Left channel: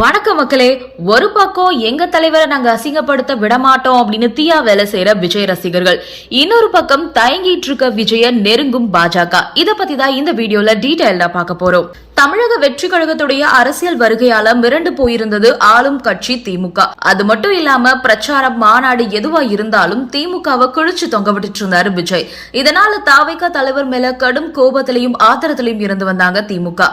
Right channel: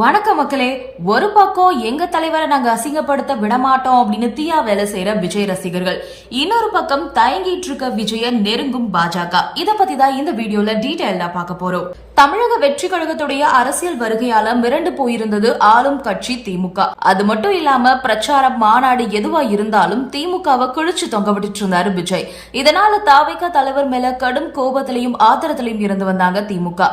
வணக்கம் மக்களே ஒரு பக்கம் எங்க தலைவரை நாங்க அசிங்கப்படுத்த விடமாட்டோம் அப்படின்னு தீயா வேலை செய்யற விஜய் ரசிகர்கள். இன்னொரு பக்கம் தயங்கிட்டு இருக்க விஜய நெருங்கும் பாஜக. இத பத்தி தான் இந்த வீடியோல டீடைல்டா பார்க்க போறோம். தமிழக வெற்றி கழகத்துடைய அரசியல் வருகையால மிரண்டு போயிருந்தது ஆளும் கட்சி திமுக. அது மட்டும் இல்லாம பிரச்சாரம் மாநாடு எதுவா இருந்தாலும் திமுகவை கிழிச்சு தொங்க விட்டுட்டு இருந்தாரு விஜய். இதனால தாவைக்கா தலைவர் மேல கடும் கோபத்திலையும் ஆத்திரத்திலையும் இருந்து வந்தாங்க திமுக.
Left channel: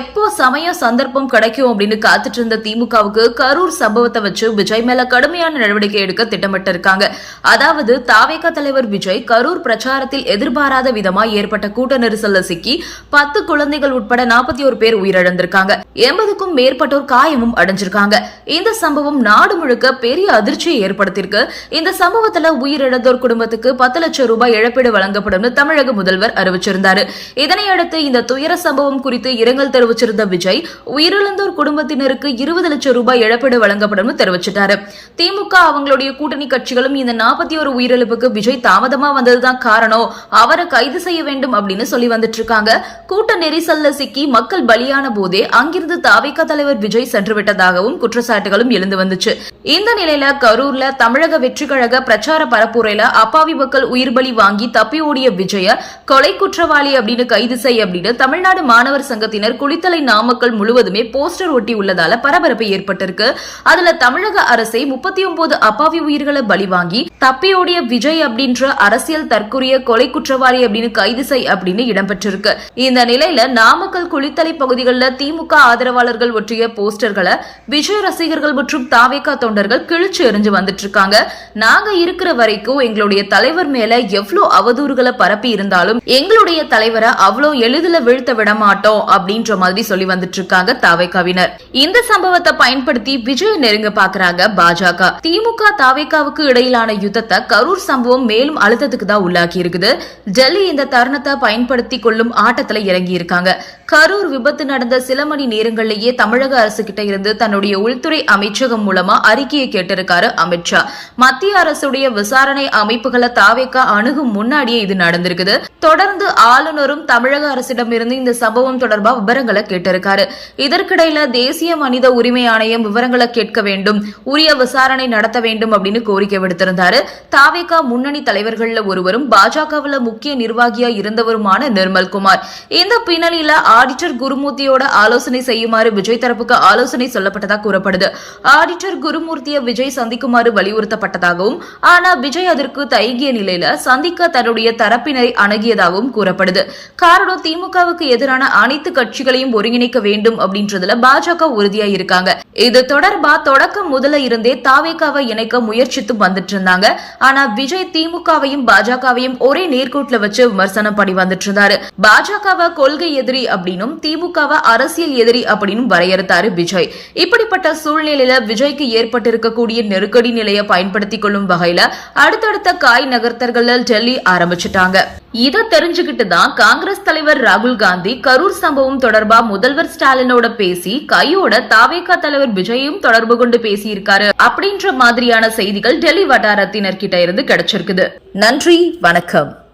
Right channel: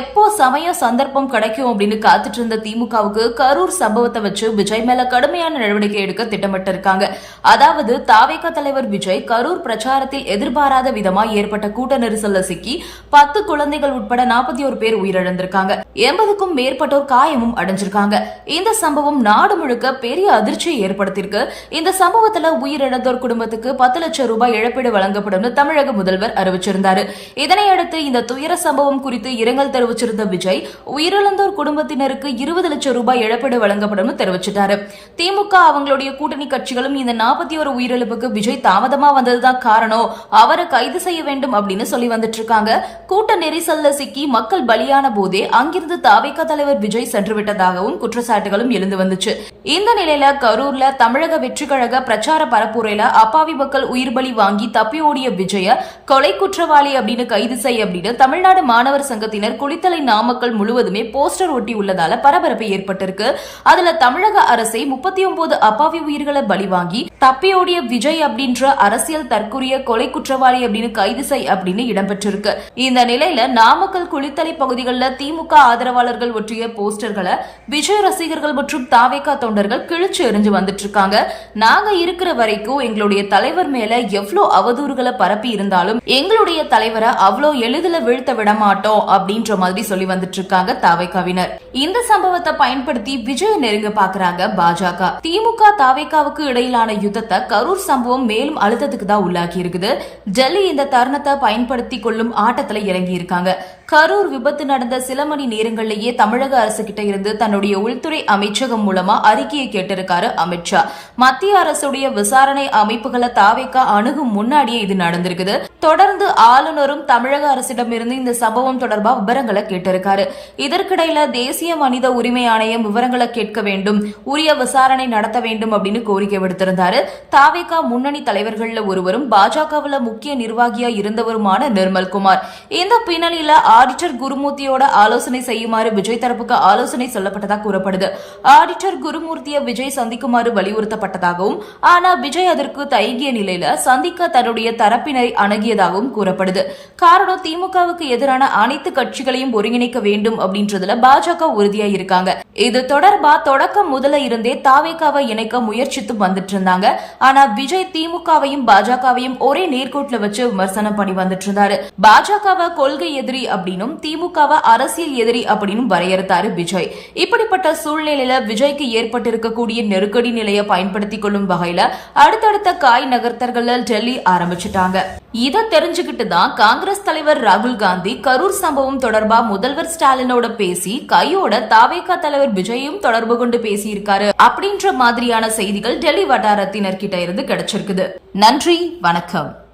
எப்போ சமயம் சந்தர்ப்பம் கிடைக்கும் அப்படின்னு காத்துட்டு இருந்த திமுகவுக்கு கரூர் சம்பவத்தை வச்சு விஜய் மேல கடுமையான நடவடிக்கை எடுக்க திட்டமிட்டு இருக்காங்க. அதாவது தாவேகா தலைவர் விஜய் கரூர் பிரச்சாரத்தில் எதிர்பாராத விதமா ஏற்பட்ட கூட்ட நெரிசல்ல சிக்கி பத்து குழந்தைகள் உட்பட நாற்பத்தி ஒரு பேர் உயிரிழந்திருக்காங்க. எண்பதுக்கும் மேற்பட்டோர் காயமும் அடைஞ்சிருக்காங்க. இந்த சம்பவம் நாடு முழுக்க பெரிய அதிர்ச்சியை ஏற்படுத்தியிருக்கு. இந்த சம்பவத்துல உயிரிழந்தோர் குடும்பத்துக்கு பத்து லட்சம் ரூபாய் இழப்பீடு வழங்கப்படும் தமிழக முதல்வர் அறிவிச்சிருந்தாரு. இதனையடுத்து இந்த துயர சம்பவம் குறித்து இரங்கல் தெரிவிச்சிருந்த விஜய் உயிரிழந்தோர் குடும்பத்தினருக்கு இருபது லட்சம் ரூபாய் இழப்பீடு வழங்கப்படும் தெரிவிச்சிட்டாரு. திமுக அவங்களுடைய கூட்டணி கட்சிகளும் இந்த நாற்பத்தி ஒரு உயிரிழப்புக்கு விஜய் தாமதமா வந்ததுதான் காரணம். அவரை கைது செய்ய வேண்டும் அப்படின்னு சொல்லி வந்துட்டு இருக்காங்க. கூட்ட நெரிசல்ல சிக்கி மக்கள் பலியான போதே அங்கிருந்து தாவேக தலைவர் விஜய் சென்றுவிட்டதாகவும் குற்றச்சாட்டுகளும் எழுந்து வந்துச்சு. இந்த நிலையில கரூர்ல தமிழக வெற்றி கழக பிரச்சார பரப்புரையில அப்பாவி மக்கள் உயிர் பலி வாங்கி தப்பி ஓடிய விஜய கொலை குற்றவாளி அப்படின்னு கைது செய்ய அப்படின்னு தமிழ்நாடு மாணவர் சங்கத்தினர் குளித்தலை நாமக்கல் முழுவதுமே போஸ்டர் ஒட்டி உள்ளதால பரபரப்பு ஏற்பட்டிருக்கு. அதுல தமிழக அரசை முப்பத்தி ஒன்பது அப்பாவி உயிர்களை பலி வாங்கி தப்பியோடிய விஜய் அப்படின்ற அரசியல் தற்கொரிய கொலை குற்றவாளி அப்படின்னு கைது செய் அப்படின்னு இடம்பெற்றிருக்கு. இந்த நிலையில நாமக்கல் குளித்தலை பகுதிகளில் திமுக ஆதரவாளர்கள் ஒற்றிய போஸ்டர்களை விஜய் ரசிகர்கள் மற்றும் தாவேகா தொண்டர்கள் கிழிச்சு எறிஞ்சு வந்துட்டு இருக்காங்க. நாங்க இருக்கிற வரைக்கும் எங்களுடைய தலைவர் மேல எவ்வளவு அவதூறுகளை பரப்பி இருந்தாலும் எங்களுடைய தலைவரை அவ்வளோ எளிதில் வீழ்த்த விட மாட்டோம் அப்படின்ற மாதிரி சொல்லி வந்துட்டு இருக்காங்க தாவேகாவினர். இந்த சம்பவத்தை பயன்படுத்தி விஜய் நெருங்க பாக்குறாங்க பாஜக. திமுக தாவேகாவுக்கு இடையிலான யுத்தத்தை கரூர் சம்பவம் மேலும் அழுத்தத்துக்கு தான் உள்ளாக்கி இருக்குது. டெல்லி இந்த தருணத்தை பயன்படுத்தி கொள்ளும் ஆட்டத்துல இறங்கி இருக்காங்க கரூர் விபத்து நடந்த சில மணி நேரங்களிலேயே தமிழக அரசு கிட்ட இருந்து தன்னுடைய உள்துறை அமைச்சகம் மூலமா அறிக்கையை கேட்டிருக்காரு அமித்ஷா மத்திய அரசுடைய விசாரணை அமைப்புகளை தாவேக்கா அணுகும் முன்னாடியே இது நடந்திருக்குது. தொடர்ந்து ஆளுநரும் தமிழக அரசிடமிருந்து இந்த சம்பவம் தொடர்பா விவரங்களை கேட்டிருக்காரு. இதற்கிடையில தேசிய மனித உரிமை ஆணையம் விவரங்களை கேட்க வேண்டும் உரிய விசாரணை நடத்த வேண்டும் அப்படின்னு கோரிக்கை விடுத்திருந்தாரு. தாவேகா முன்னணி தலைவர்கள்ல ஒருவரும் பாஜகவுல முக்கிய நிர்வாகியா இருந்தவருமான நிர்மல்குமார். இந்த பின்னணியில ஆடிட்டர் குருமூர்த்தியோட ஆலோசனை செய்யுமாறு விஜய் தரப்புக்கு ஆலோசனை சொல்லப்பட்டதாக கூறப்படுது. ஆடிட்டர் குருமூர்த்தியை விஜய் சந்திக்குமாறு வலியுறுத்தப்பட்டதாகவும் ஆனா விஜய் அதற்கு தயங்கிய நிலையில சந்திக்க தன்னுடைய தரப்பினரை அணுகியதாகவும் கூறப்படுது. காரணம் திமுகவுக்கு எதிரான அனைத்து கட்சிகளையும் ஒருங்கிணைக்க வேண்டும் அப்படின்றதுல பாஜக உறுதியா இருக்காங்க இது தொடர்பா தொடக்கம் முதல்ல இருந்தே தாவேக்காவை இணைக்க முயற்சித்து வந்துட்டு இருந்தாங்க ஆனா விஜய் திமுகவையும் பாஜகவையும் ஒரே நேர்கோட்டில் வச்சு விமர்சனம் பண்ணி வந்துட்டு இருந்தாரு பாஜகவை கொள்கை எதிரி அப்படின்னும் திமுகவை அரசியல் எதிரி அப்படின்னு வரையறுத்தாரு விஜய். இப்படிப்பட்ட சூழ்நிலையில விஜய்க்கு ஏற்பட்டிருக்கக்கூடிய நெருக்கடி நிலையை பயன்படுத்திக் கொள்ளும் வகையில அடுத்தடுத்த காய் நகர்த்தர்கள் டெல்லி ஆரம்பிச்சிட்டாங்க. இதை தெரிஞ்சுக்கிட்டு தான் காங்கிரஸ் தலைவர் ராகுல் காந்தி கரூர் சம்பவம் தொடர்பா முதல்வர் ஸ்டாலினோட பேசி கையோட தாவேகா தலைவர் விஜயும் தொடர்பு கொண்டு பேசியிருக்காரு அப்படின்ற மாதிரியான செய்திகள் டெல்லி வட்டாரத்தினர் கிட்ட இருந்து கிடைச்சிருக்குது. நன்றி வணக்கம்.